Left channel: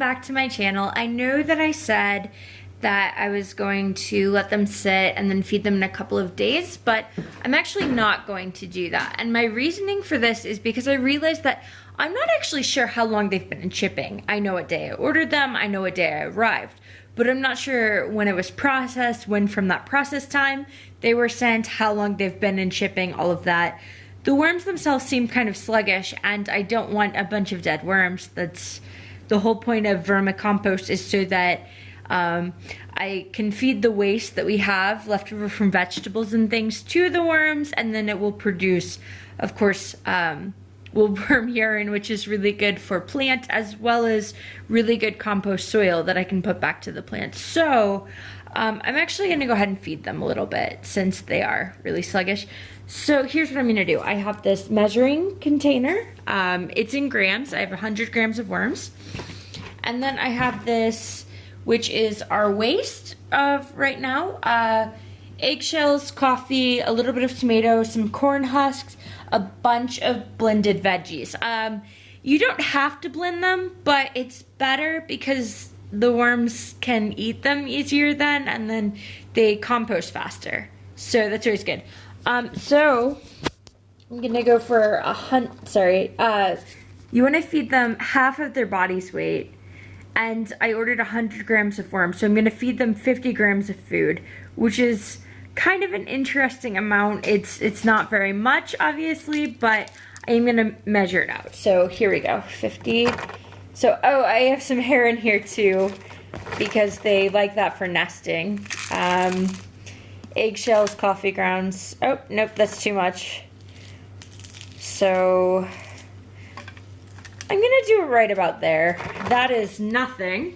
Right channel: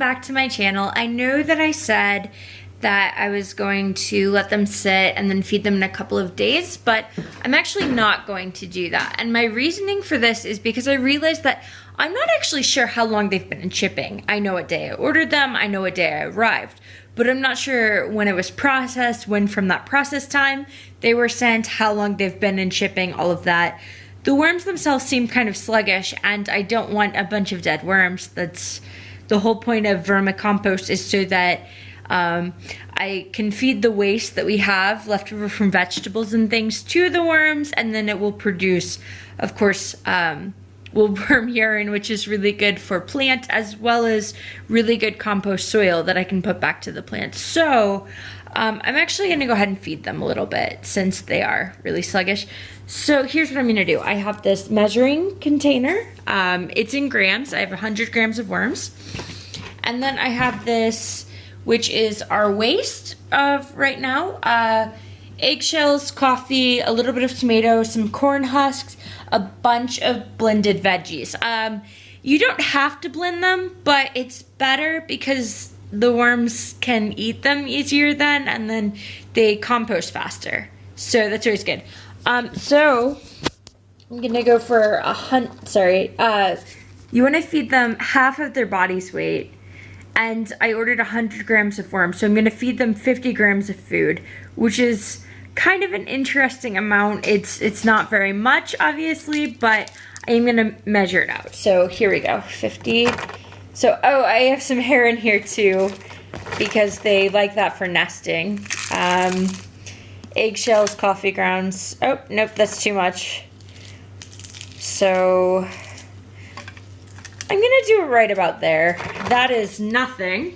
back to my channel. I know that I said that I was going to let them sit and then feed them in a couple of days, but I'm actually not going to do that. And my reasoning for this is because I realized that I'm not actually sure how long they've been in shipping. I know what day I ordered them, I know what day I arrived, but I'm not sure when it was processed, when from that process time they were sent, how long they've been in shipping, all of that. The worms themselves seem kind of sluggish, and I don't want a bunch of dead worms. That's the whole point of vermicompost, is so that I can feed the waste that we have left over from vegetables and things to the worms, and then it will produce, of course, worm urine, which is really good for plant, as well as really good compost soil that I can put back to the plant. So I'm actually going to go ahead and feed them a little bit since they are really sluggish. So here's what I'm going to do. I have this measuring container. It's in grams. I have 100 grams of worms. And then I have this, which is our waste of right now. Eggshells, coffee, a little bit of tomato, some corn husks, a bunch of blended veggies. You don't have to blend them, but it's better because the worms can eat them easier then, and then they compost faster. So that's always good. So I'm gonna go for you want to feed them half of their body's weight, and I ordered 100 grams of worms, so I'm gonna feed them 50 grams of food, which is kind of an interesting amount. It's not very much, obviously, but I'm gonna measure it out. So here we go, 50. So, oh, I have some hair in here too, because they like that for nesting. Eggshells, coffee grounds. Oh, nope, that's too much. So I'm gonna do it right about there. That is nothing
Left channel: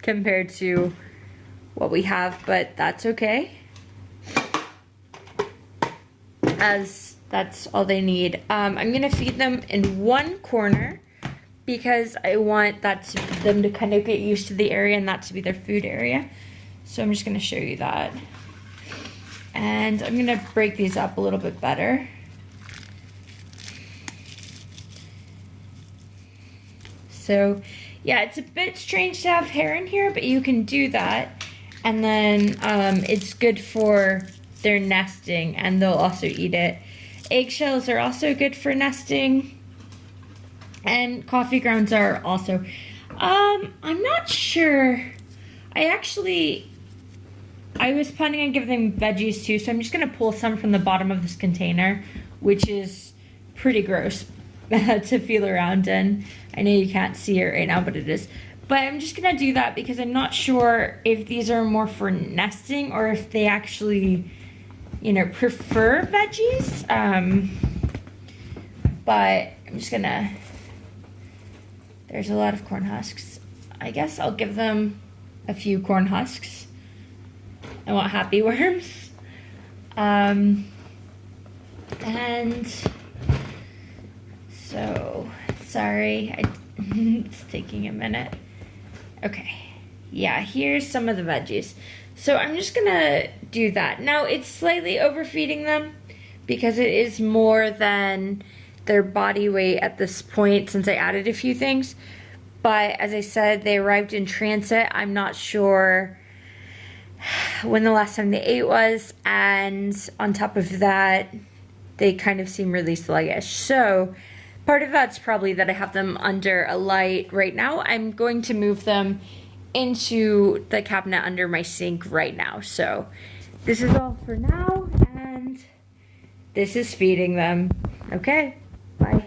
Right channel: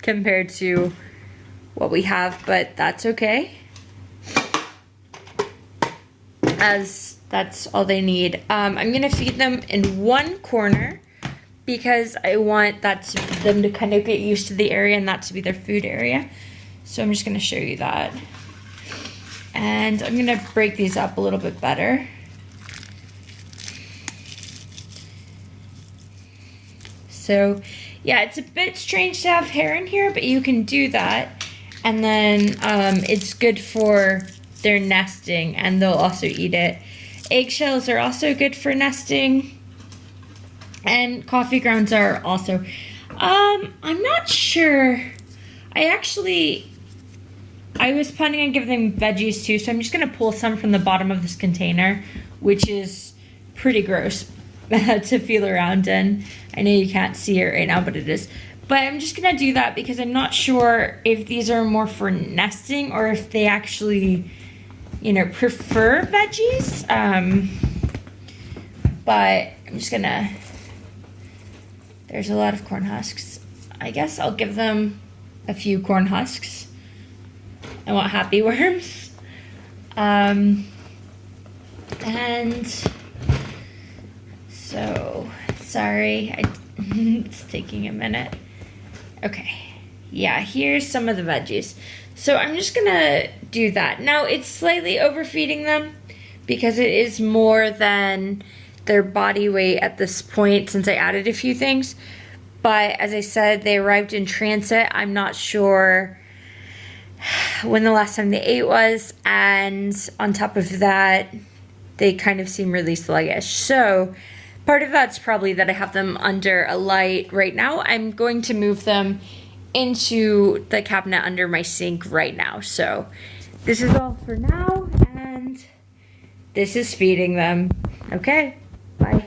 compared to what we have, but that's okay, as that's all they need. I'm gonna feed them in one corner because I want them to kind of get used to the area and that to be their food area. So I'm just gonna show you that. And I'm gonna break these up a little bit better. So yeah, it's a bit strange to have hair in here, but you can do that. And then it's good for their nesting, and they'll also eat it. Eggshells are also good for nesting, and coffee grounds are also. I'm not sure. I was planning on giving them veggies too, so I'm just gonna pull some from the bottom of this container, which is pretty gross to feel around in. I know you can't see it right now, but it is. But I'm just gonna do that because I'm not sure if these are more for nesting or if they actually, prefer veggies. But I'm just gonna, there's a lot of corn husks. I guess I'll give them a few corn husks. I want happy worms. And so, sorry, it's taking a minute. Okay, yeah, here's some of the veggies. So I'm just gonna do that. Now, it's slightly overfeeding them because it is more than their body weight at this point since I added a few things. But as I said, they arrived in transit. I'm not sure when the last time they ate was, and on top of that, they kind of seem really sluggish. So part of that's probably that I have them under a light right now. I'm going to move them into the cabinet under my sink right now. So this is all for now, and this is feeding them. Okay, bye.